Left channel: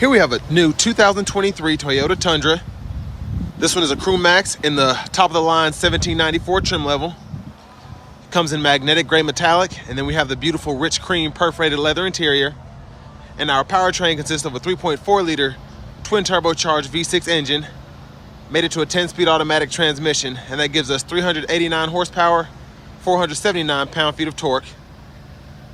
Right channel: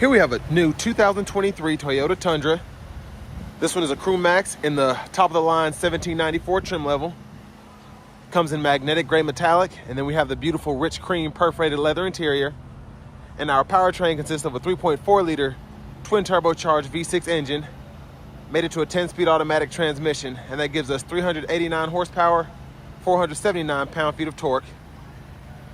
Here we have a new 2023 Toyota Tundra. This one is a Crew Max in the top of the line 1794 trim level. Comes in magnetic gray metallic, and then we have the beautiful rich cream perforated leather interior. And our powertrain consists of a 3.4 liter twin turbocharged V6 engine, made it to a 10-speed automatic transmission, and that gives us 389 horsepower, 479 pound-feet of torque,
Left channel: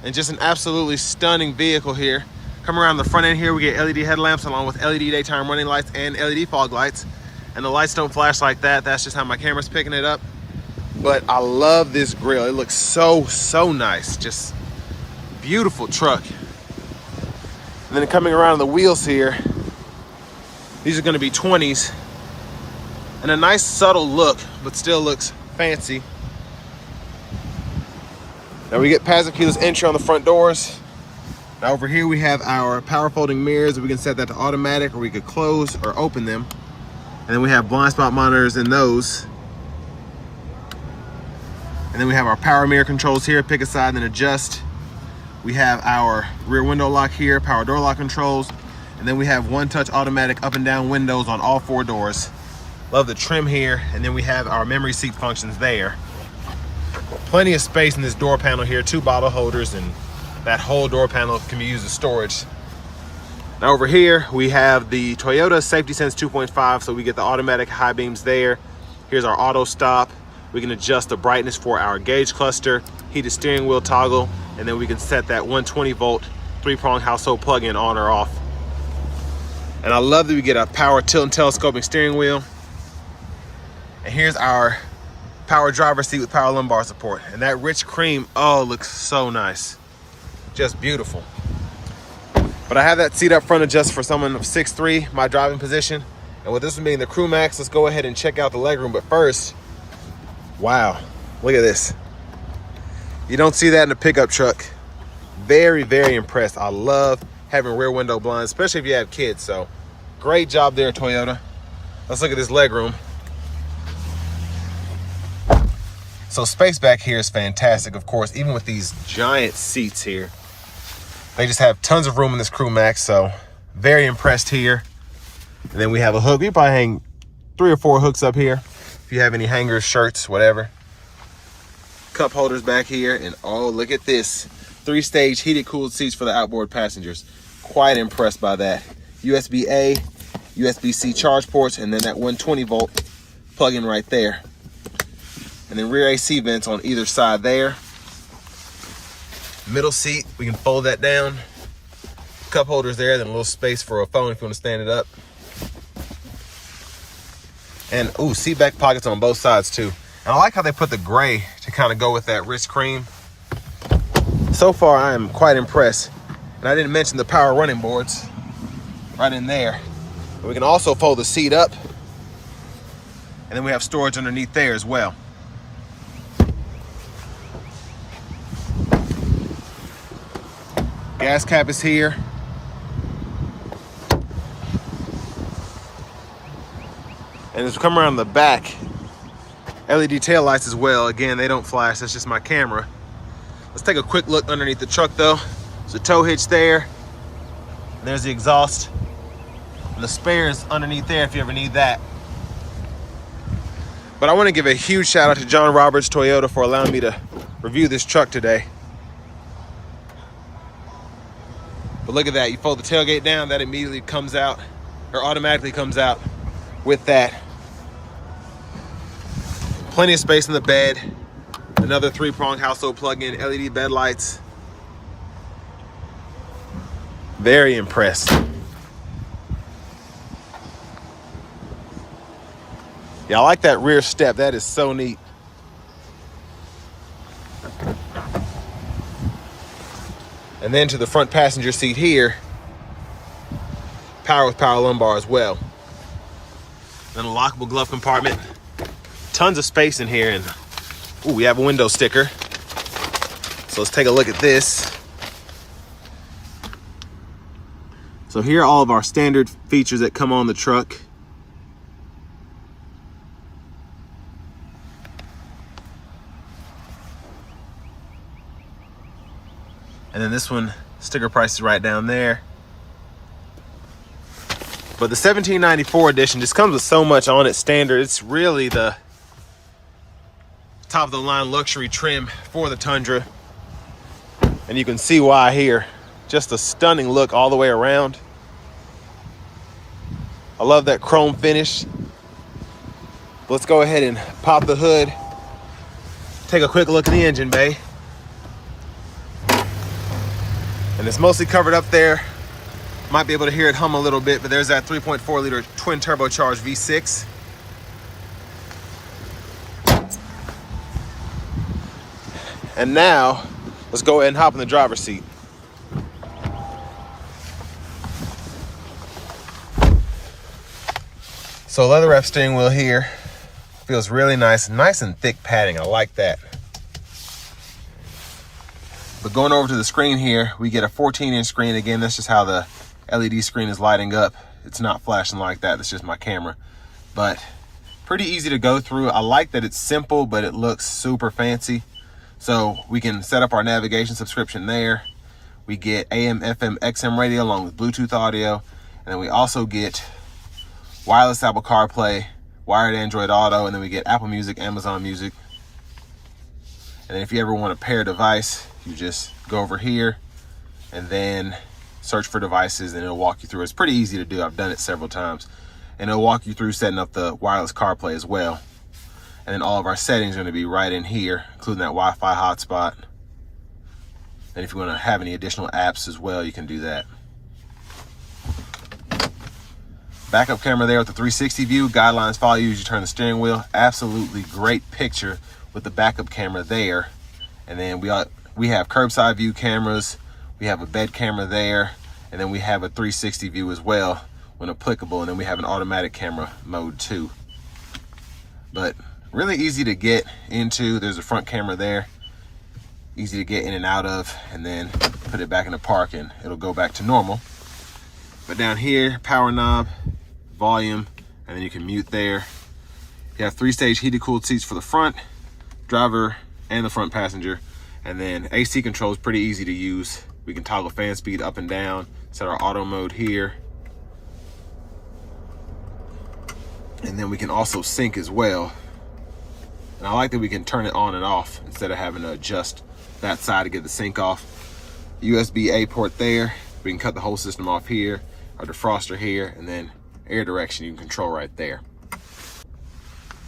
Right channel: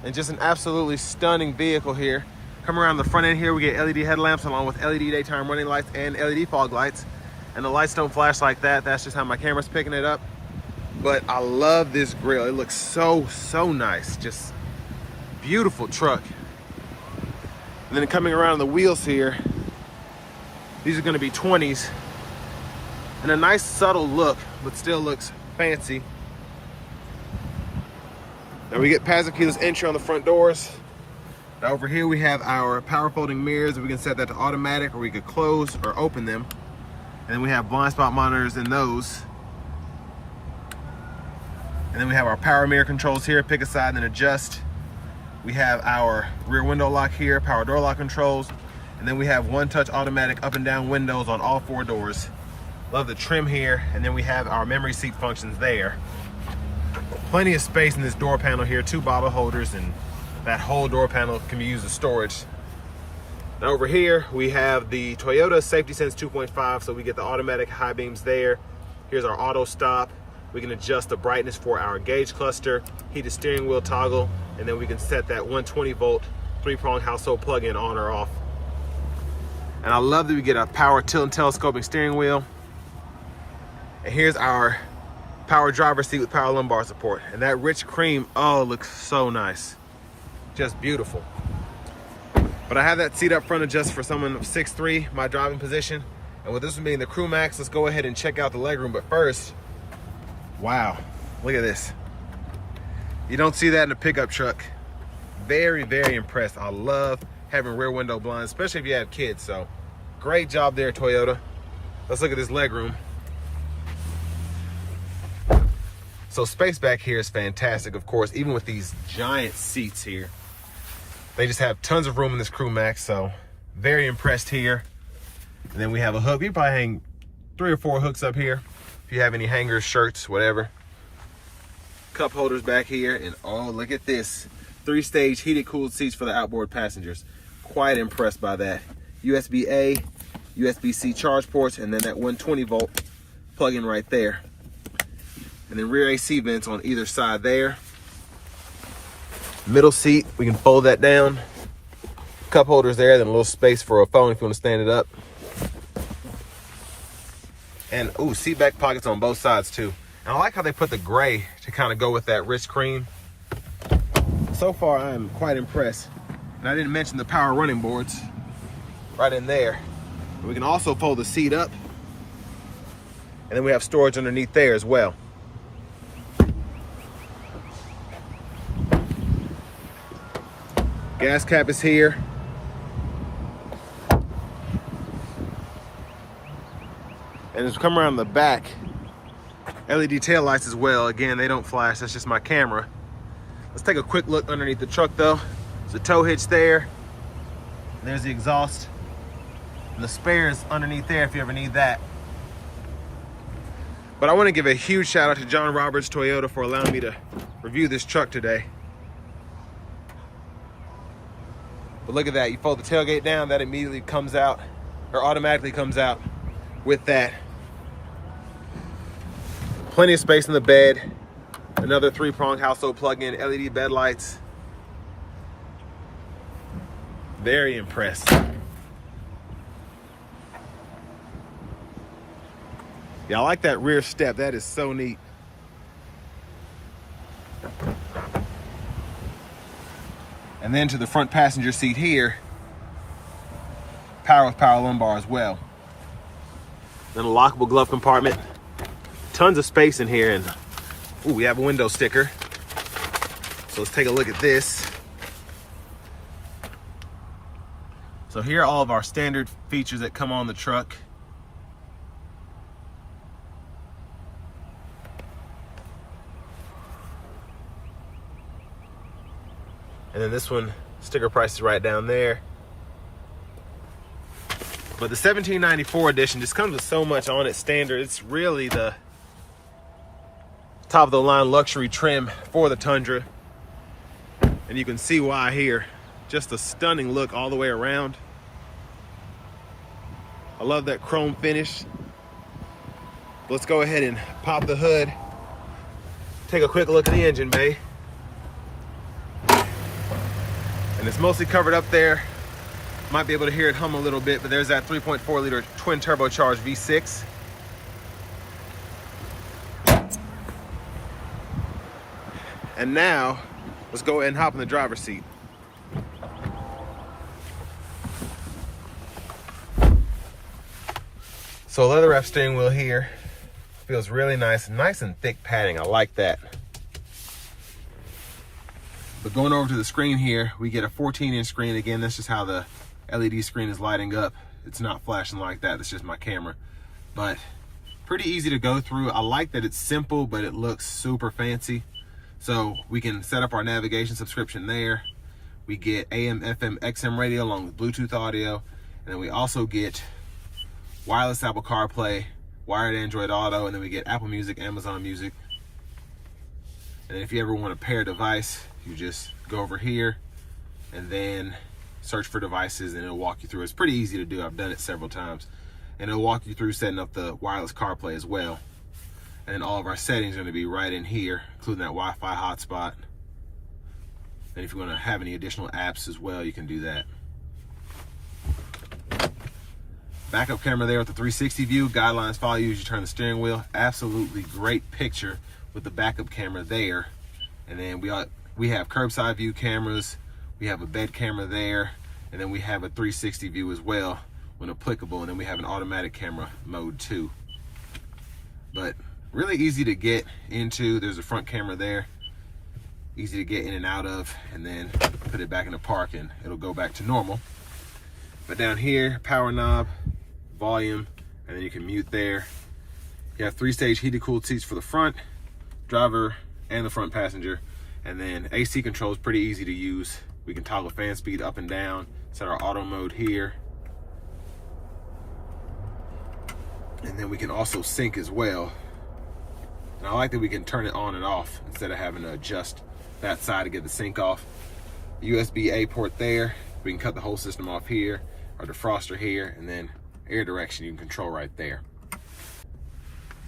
and just an absolutely stunning vehicle here. Come around the front end here, we get LED headlamps along with LED daytime running lights and LED fog lights. And the lights don't flash like that. That's just how my camera's picking it up. But I love this grille. It looks so nice. Just beautiful truck. And then coming around the wheels here, these are gonna be 20s. And a nice subtle look, but still looks fancy. Now we get passive keyless entry on the front doors. Now over here we have our power folding mirrors. We can set that to automatic, or we could close or open them. And then we have blind spot monitors in those. And then we have our power mirror controls here, pick a side and then adjust. We have our rear window lock here, power door lock controls. And then we have one-touch automatic up and down windows on all 4 doors. Love the trim here. And then we have our memory seat functions there. Plenty of space in this door panel here, 2 bottle holders, and that whole door panel can be used as storage. Now over here, we have the Toyota Safety Sense 2.5, so we get the automatic high beams there. Here's our auto stop. We can adjust the brightness for our gauge cluster, heated steering wheel toggle, and then we can set that 120 volt 3-prong household plug-in on or off. And I love that we get a power tilt and telescoping steering wheel. And here's our power driver seat with power lumbar support. And that rich cream, oh, looks so nice. Just beautiful. But I have that seat up front adjusted for someone of 6'3", my driving position. And with this one being the Crew Max, let's go ahead and check out the legroom. But first, wow, look at this. You don't see that in a pickup truck. Very impressed. I love having rear window blinds, especially if you have kids. So great job there, Toyota. Let's look at this legroom. So space back here is fantastic, of course, even with these giant seats here. They just have tons of room in this Crew Max, so very impressed here. And then we have a hook. We probably hang 3 or 4 hooks up here. If you have any hangers, shirts, whatever. Cup holders back here, and oh, look at this. 3-stage heated cooled seats for the outboard passengers. Quite impressed by that. USB-A, USB-C charge ports, and then that 120 volt plug-in right there. And then rear AC vents on either side there. Middle seat, we can fold that down. Cup holders there, then a little space for a phone if you want to stand it up. And ooh, seat back pockets on both sides too. And I like how they put the gray to kind of go with that rich cream. So far, I am quite impressed. And I didn't mention the power running boards right in there. And we can also fold the seat up. And then we have storage underneath there as well. Gas cap is here. And as we come around the back, LED tail lights as well. Again, they don't flash, that's just my camera. Let's take a quick look underneath the truck though. There's a tow hitch there. There's the exhaust. And the spares underneath there if you ever need that. But I want to give a huge shout out to John Roberts Toyota for allowing me to review this truck today. But look at that, you fold the tailgate down, that immediately comes out, or automatically comes out with that. Plenty of space in the bed. Another 3-prong household plug-in, LED bed lights. Very impressed. Yeah, I like that rear step, that is so neat. And then to the front passenger seat here, power with power lumbar as well. Then a lockable glove compartment. Tons of space in here, and ooh, we have a window sticker. So let's take a look at this. So here are all of our standard features that come on the truck. And then this one, sticker price is right down there. But the 1794 edition just comes with so much on it standard. It's really the top of the line luxury trim for the Tundra. And you can see why here. Just a stunning look all the way around. I love that chrome finish. Let's go ahead and pop the hood. Take a quick look at the engine bay. And it's mostly covered up there. Might be able to hear it hum a little bit, but there's that 3.4 liter twin turbocharged V6. And now, let's go ahead and hop in the driver's seat. So leather wrap steering wheel here. Feels really nice and thick padding. I like that. But going over to the screen here, we get a 14-inch screen. Again, that's just how the LED screen is lighting up. It's not flashing like that. That's just my camera. But pretty easy to go through. I like that it's simple, but it looks super fancy. So we can set up our navigation subscription there. We get AM, FM, XM radio along with Bluetooth audio. And then we also get wireless Apple CarPlay, wired Android Auto, and then we get Apple Music, Amazon Music. And then if you ever want a pair device, you just go over here and then search for devices and it'll walk you through. It's pretty easy to do. I've done it several times. And it'll walk you through setting up the wireless CarPlay as well. And then all of our settings are going to be right in here, including that Wi-Fi hotspot. And if you want to have any additional apps as well, you can do that. Backup camera there with the 360 view. Guidelines follow you as you turn the steering wheel. Absolutely great picture with the backup camera there. And then we have curbside view cameras. We have a bed camera there, and then we have a 360 view as well when applicable, and then we have an automatic camera mode too. But really easy to get into. There's a front camera there, easy to get in and out of, and then put it back in the park and it'll go back to normal. But down here, power knob, volume, and then you can mute there. You have 3-stage heated cooled seats for the front, driver, and the front passenger. And then AC control is pretty easy to use. We can toggle fan speed up and down, set our auto mode here. And then we can also sync as well. And I like that we can turn it on and off instead of having to adjust that side to get the sync off. USB-A port there. We can cut the whole system off here, our defroster here, and then air direction you can control right there.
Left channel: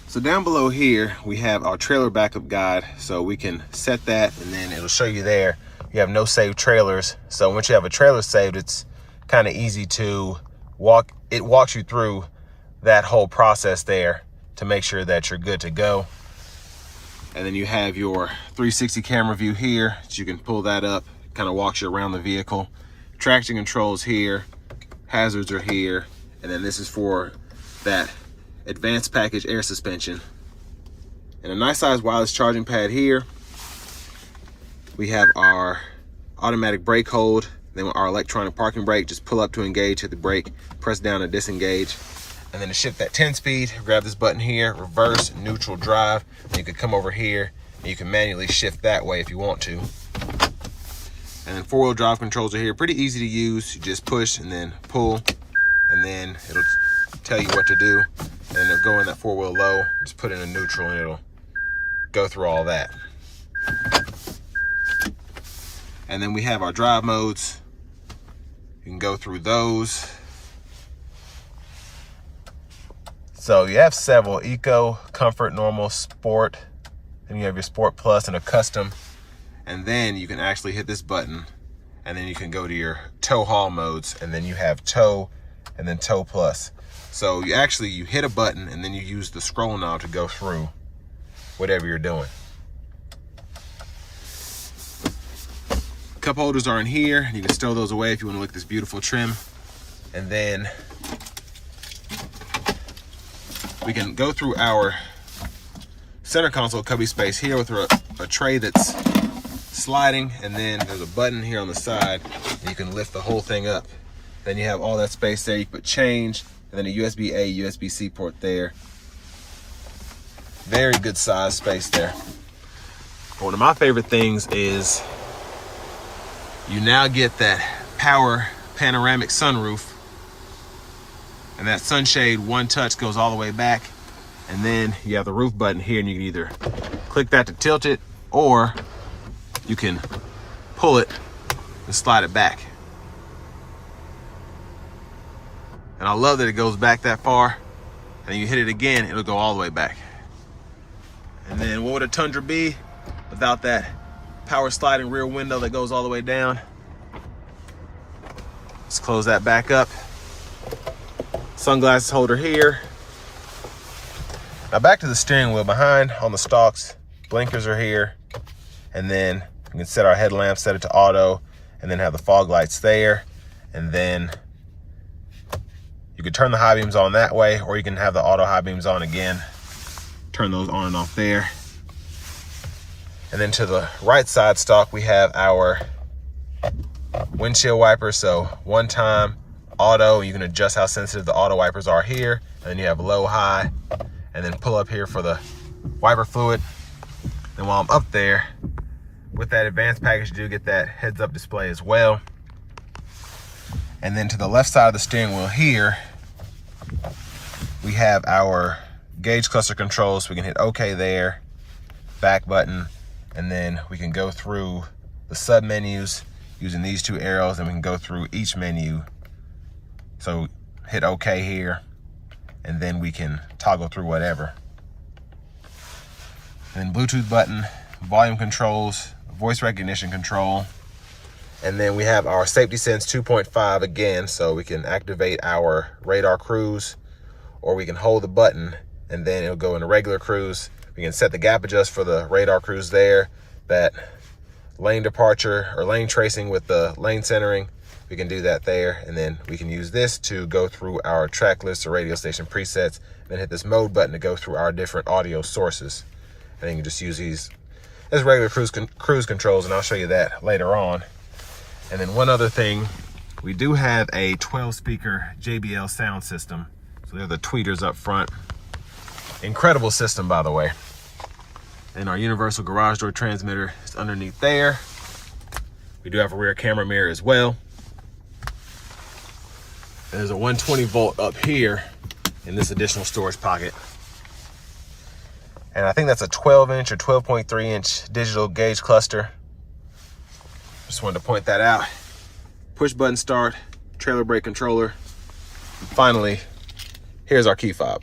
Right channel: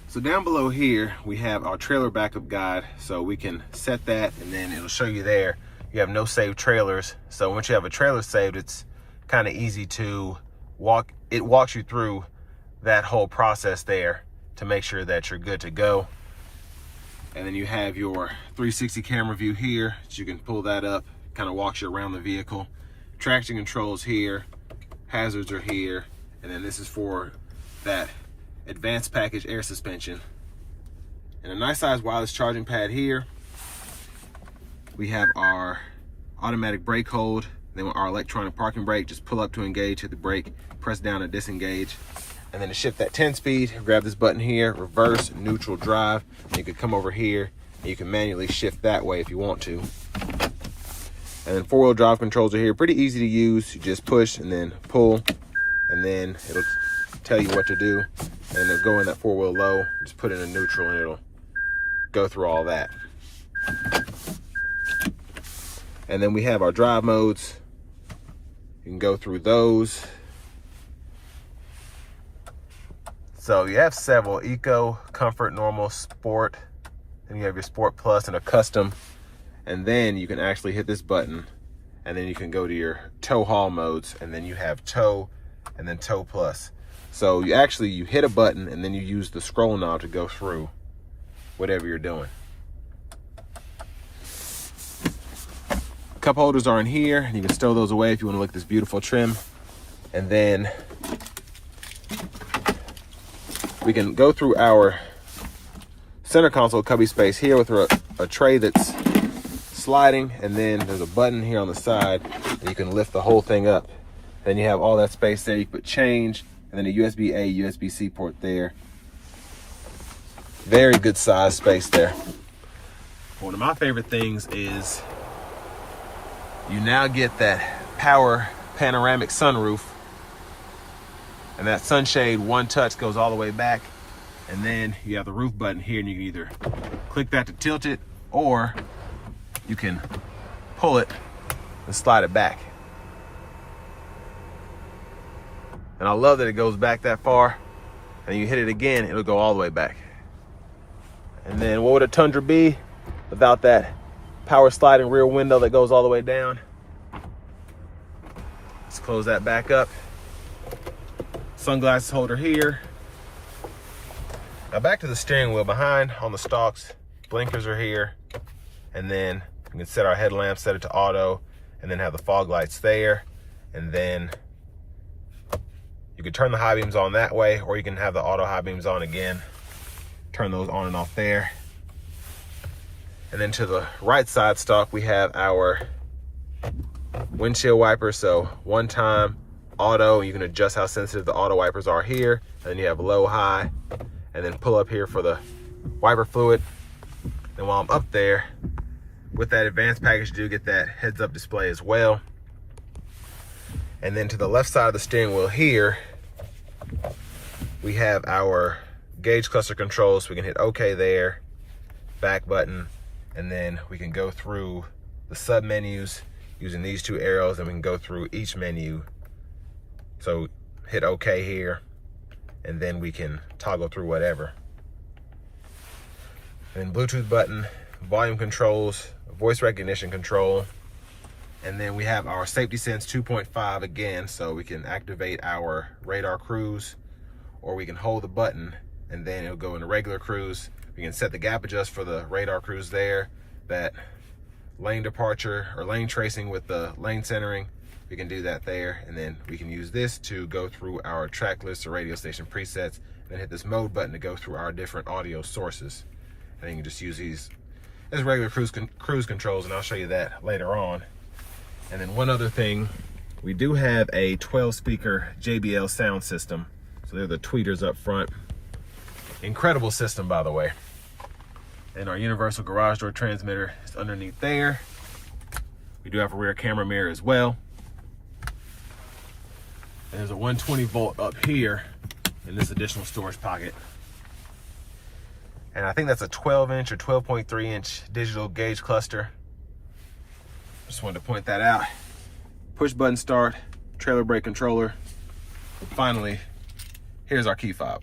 So down below here, we have our trailer backup guide. So we can set that and then it'll show you there. You have no saved trailers. So once you have a trailer saved, it's kind of easy to it walks you through that whole process there to make sure that you're good to go. And then you have your 360 camera view here. So you can pull that up, kind of walks you around the vehicle. Traction controls here, hazards are here. And then this is for that advanced package air suspension. And a nice size wireless charging pad here. We have our automatic brake hold, then our electronic parking brake. Just pull up to engage, hit the brake, press down to disengage. And then to shift that 10-speed, grab this button here, reverse, neutral, drive. And you can come over here and you can manually shift that way if you want to. And then 4-wheel drive controls are here, pretty easy to use. You just push and then pull, and then it'll tell you what to do. And then it'll go in that 4-wheel low, just put it in neutral and it'll go through all that. And then we have our drive modes. You can go through those. So you have several: Eco, Comfort, Normal, Sport. Then you have your Sport Plus and a Custom. And then you can actually hit this button and then you can go to your tow haul modes, and then you have tow and then tow plus. So you hit a button and then you use the scroll knob to go through whatever you're doing. Cup holders are in here, and you can stow those away if you want to look at this beautiful trim. And then we can go through our center console cubby space here with a tray that's sliding, and then there's a button here on the side and you can lift the whole thing up. Then you have all that space there. You can put change, and then a USB-A, USB-C port there. Very good size space there. One of my favorite things is you now get that power panoramic sunroof. And that sunshade one touch goes all the way back. And then you have the roof button here, and you can either click that to tilt it, or you can pull it and slide it back. And I love that it goes back that far, and you hit it again, it'll go all the way back. And then what would a Tundra be without that power sliding rear window that goes all the way down? Let's close that back up. Sunglasses holder here. Now back to the steering wheel. Behind on the stalks, blinkers are here. And then we can set our headlamp, set it to auto, and then have the fog lights there. And then you can turn the high beams on that way, or you can have the auto high beams on again. Turn those on and off there. And then to the right side stalk, we have our windshield wipers. So one time auto, you can adjust how sensitive the auto wipers are here. And then you have low, high, and then pull up here for the wiper fluid. And while I'm up there, with that advanced package, you do get that heads up display as well. And then to the left side of the steering wheel here, we have our gauge cluster controls. We can hit OK there, back button, and then we can go through the sub menus using these two arrows, and we can go through each menu. So hit OK here, and then we can toggle through whatever. And then Bluetooth button, volume controls, voice recognition control, and then we have our Safety Sense 2.5 again, so we can activate our radar cruise, or we can hold the button and then it'll go into regular cruise. We can set the gap adjust for the radar cruise there, that lane departure or lane tracing with the lane centering. We can do that there, and then we can use this to go through our track list or radio station presets, then hit this mode button to go through our different audio sources. And then you can just use these as regular cruise controls, and I'll show you that later on. And then one other thing, we do have a 12 speaker JBL sound system. So they're the tweeters up front. Incredible system, by the way. And our universal garage door transmitter is underneath there. We do have a rear camera mirror as well. And there's a 120 volt up here in this additional storage pocket. And I think that's a 12-inch or 12.3-inch digital gauge cluster. Just wanted to point that out. Push button start, trailer brake controller. And finally, here's our key fob.